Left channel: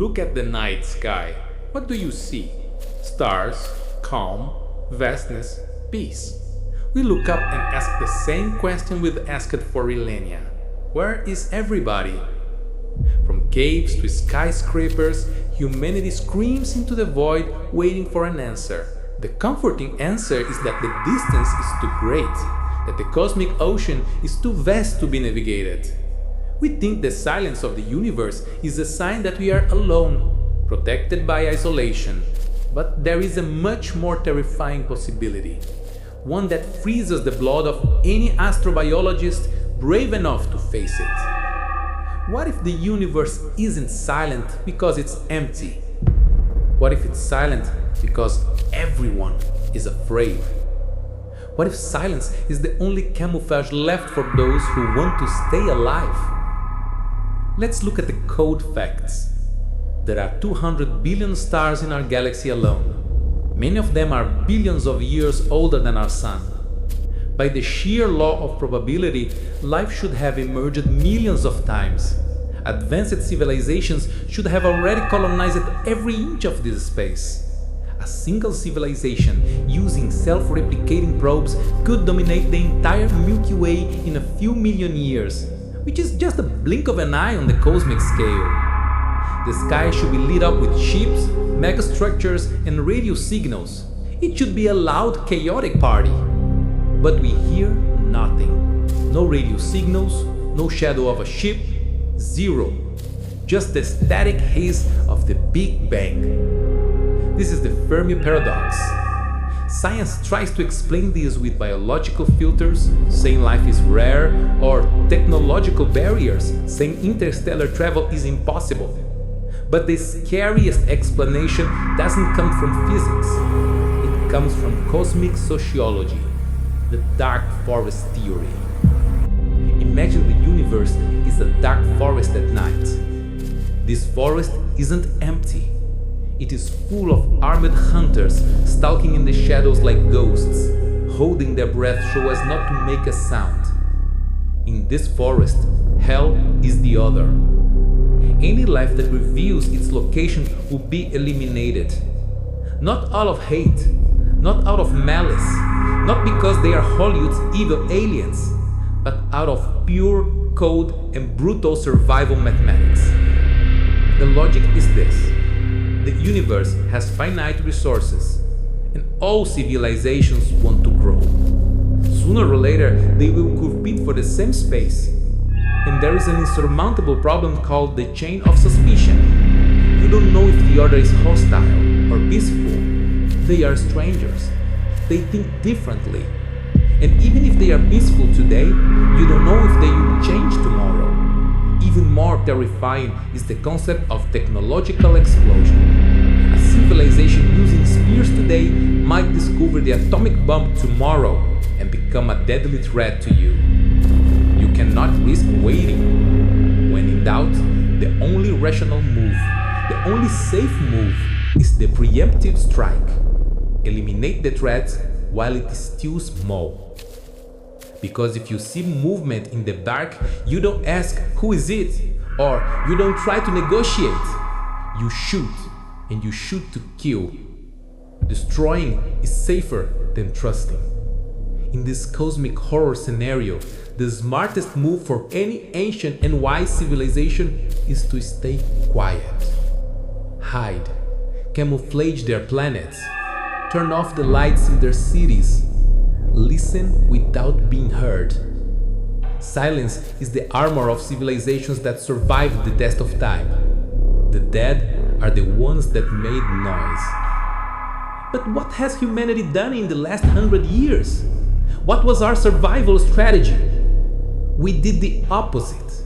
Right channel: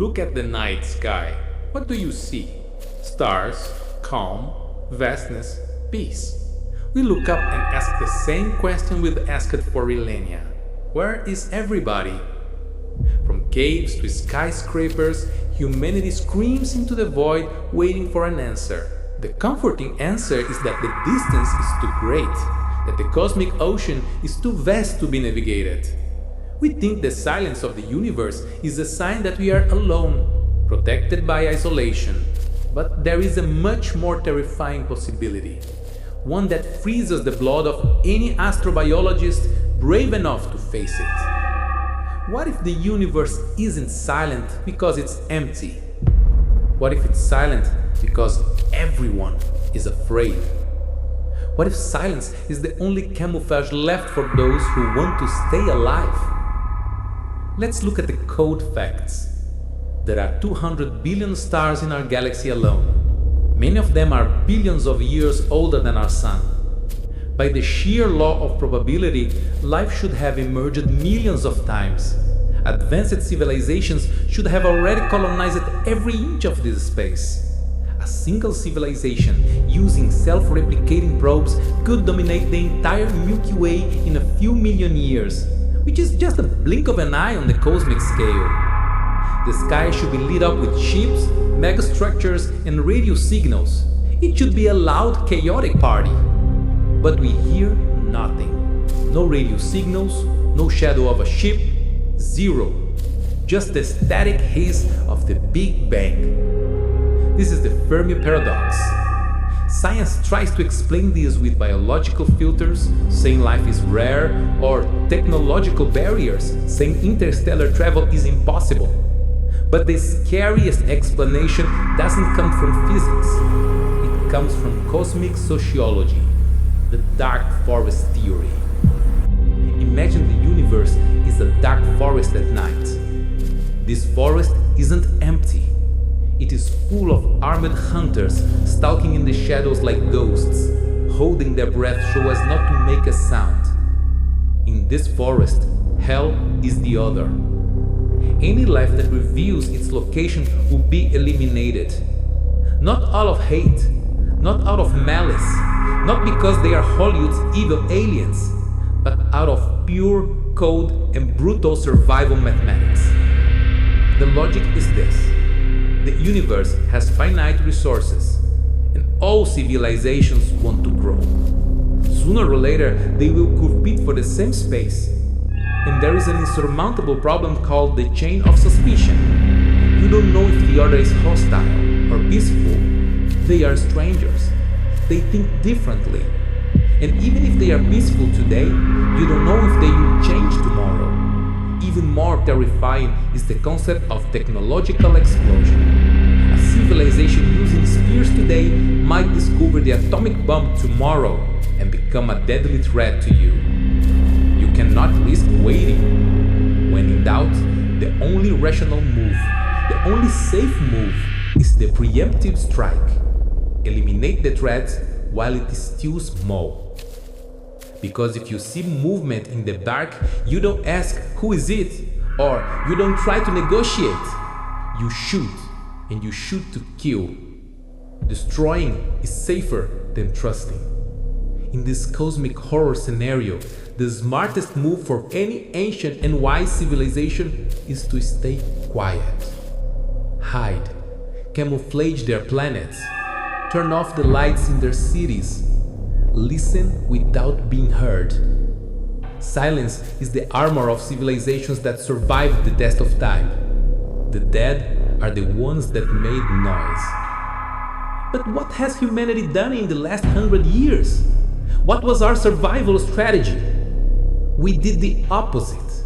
Look at the night sky. What do you see? Stars, calm, vastness, peace. We look up and ask the same question we've asked for millennia. Where is everybody? From caves to skyscrapers, humanity screams into the void waiting for an answer. The comforting answer is that the distance is too great, that the cosmic ocean is too vast to be navigated. We think the silence of the universe is a sign that we are alone, protected by isolation. But there is a much more terrifying possibility, one that freezes the blood of any astrobiologist brave enough to face it. What if the universe isn't silent because it's empty? What if it's silent because everyone is afraid? What if silence is the only camouflage left for those who want to stay alive? Let's look at the cold facts. There are 200 billion stars in our galaxy alone. Many of them are billions of years older than our Sun. By the sheer law of probability, life should have emerged millions of times. Advanced civilizations should have already colonized every inch of this space. A single civilization using self-replicating probes could dominate the entire Milky Way in a few million years, which is just a blink of an eye on the cosmic scale. The sky should be lit up with ships, megastructures, and radio signals. It should be a loud, chaotic party. But we hear nothing. No radio signals, no shadow of a ship, zero. Just the static haze of the Big Bang. This is the Fermi Paradox. Science tries to explain this with biological filters, saying life is rare, or technological barriers, saying interstellar travel is impossible. But the scariest explanation doesn't come from physics. It comes from cosmic sociology, the dark forest theory. Imagine the universe is a dark forest at night. This forest isn't empty. It is full of armed hunters stalking in the shadows like ghosts, holding their breath so as not to make a sound. In this forest, hell is the other. Any life that reveals its location will be eliminated. Not out of hate, not out of malice, not because they are Hollywood's evil aliens, but out of pure, cold, and brutal survival mathematics. The logic is this. The universe has finite resources, and all civilizations want to grow. Sooner or later, they will compete for the same space. And there is an insurmountable problem called the chain of suspicion. You don't know if the other is hostile or peaceful. They are strangers. They think differently. And even if they are peaceful today, you don't know if they will change tomorrow. Even more terrifying is the concept of technological explosion. A civilization using spears today might discover the atomic bomb tomorrow and become a deadly threat to you. You cannot risk waiting. When in doubt, the only rational move, the only safe move, is the preemptive strike. Eliminate the threat while it is still small. Because if you see movement in the dark, you don't ask who is it, or you don't try to negotiate. You shoot, and you shoot to kill. Destroying is safer than trusting. In this cosmic horror scenario, the smartest move for any ancient and wise civilization is to stay quiet. Hide, camouflage their planets, turn off the lights in their cities, listen without being heard. Silence is the armor of civilizations that survived the test of time. The dead are the ones that made noise. But what has humanity done in the last 100 years? What was our survival strategy? We did the opposite.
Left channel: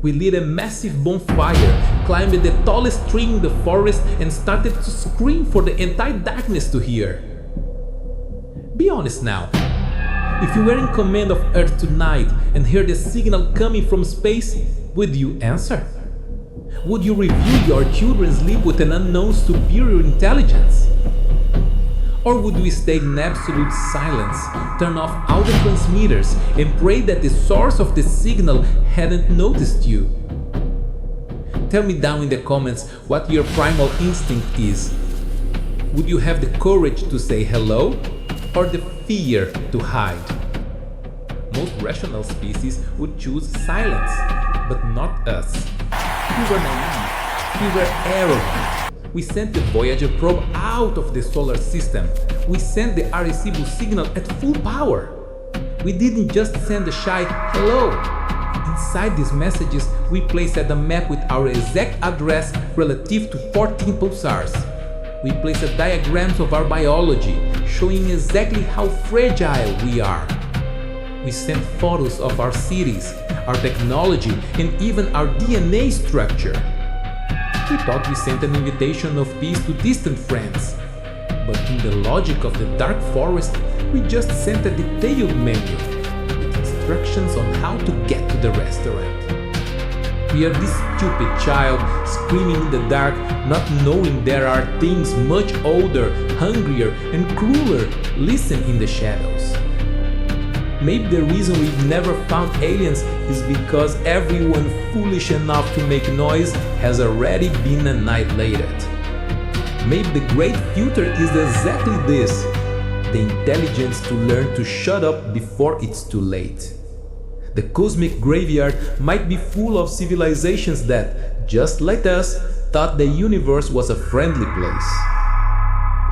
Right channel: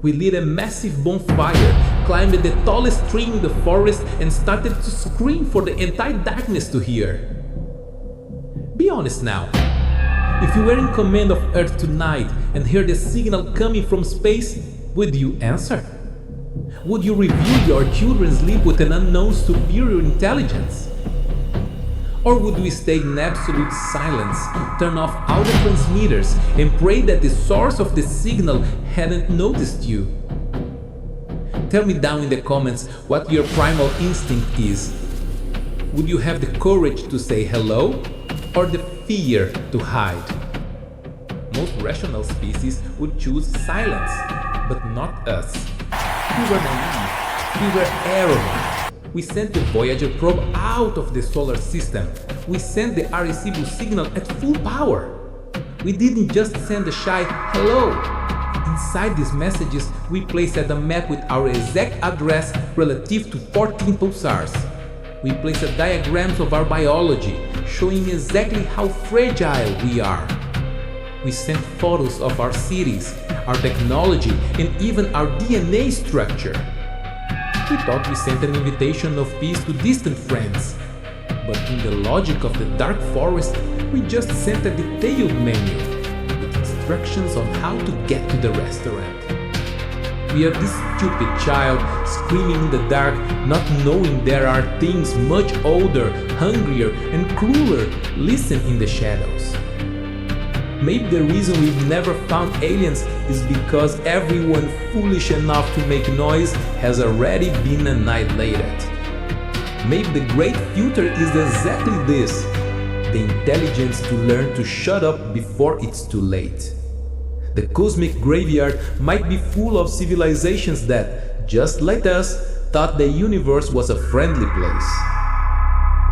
We lit a massive bonfire, climbed the tallest tree in the forest, and started to scream for the entire darkness to hear. Be honest now. If you were in command of Earth tonight and heard a signal coming from space, would you answer? Would you review your children's sleep with an unknown superior intelligence? Or would we stay in absolute silence, turn off all the transmitters, and pray that the source of the signal hadn't noticed you? Tell me down in the comments what your primal instinct is. Would you have the courage to say hello or the fear to hide? Most rational species would choose silence, but not us. We were naive, we were arrogant. We sent the Voyager probe out of the solar system. We sent the Arecibo signal at full power. We didn't just send a shy hello. Inside these messages, we placed a map with our exact address relative to 14 pulsars. We placed diagrams of our biology, showing exactly how fragile we are. We sent photos of our cities, our technology, and even our DNA structure. We thought we sent an invitation of peace to distant friends. But in the logic of the dark forest, we just sent a detailed menu with instructions on how to get to the restaurant. We are this stupid child screaming in the dark, not knowing there are things much older, hungrier, and crueler listen in the shadows. Maybe the reason we've never found aliens is because everyone foolish enough to make noise has already been annihilated. Maybe the great filter is exactly this: the intelligence to learn to shut up before it's too late. The cosmic graveyard might be full of civilizations that, just like us, thought the universe was a friendly place.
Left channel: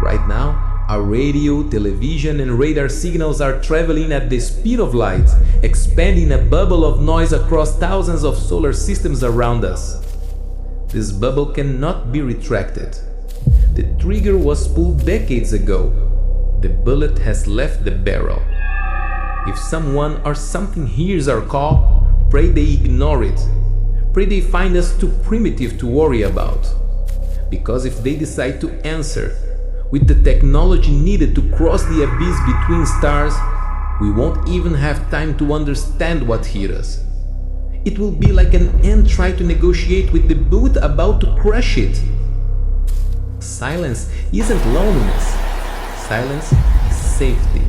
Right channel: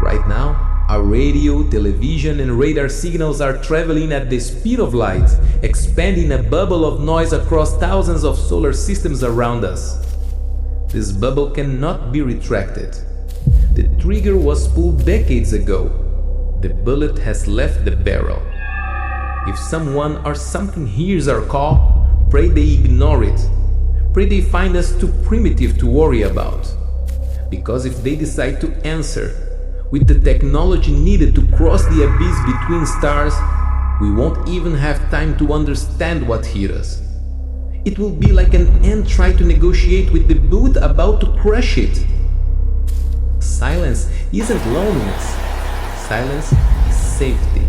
Right now, our radio, television, and radar signals are traveling at the speed of light, expanding a bubble of noise across thousands of solar systems around us. This bubble cannot be retracted. The trigger was pulled decades ago. The bullet has left the barrel. If someone or something hears our call, pray they ignore it. Pray they find us too primitive to worry about. Because if they decide to answer, with the technology needed to cross the abyss between stars, we won't even have time to understand what hit us. It will be like an ant trying to negotiate with the bullet about to crush it. Silence isn't loneliness. Silence is safety.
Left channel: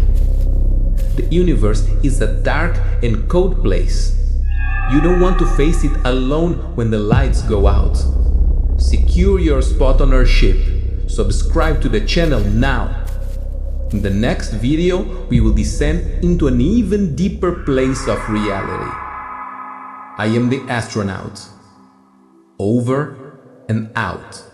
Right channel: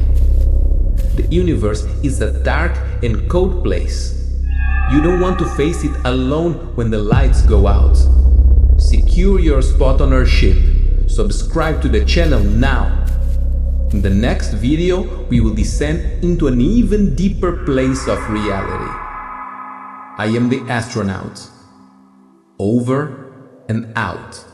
The universe is a dark and cold place. You don't want to face it alone when the lights go out. Secure your spot on our ship. Subscribe to the channel now. In the next video, we will descend into an even deeper place of reality. I am the astronaut. Over and out.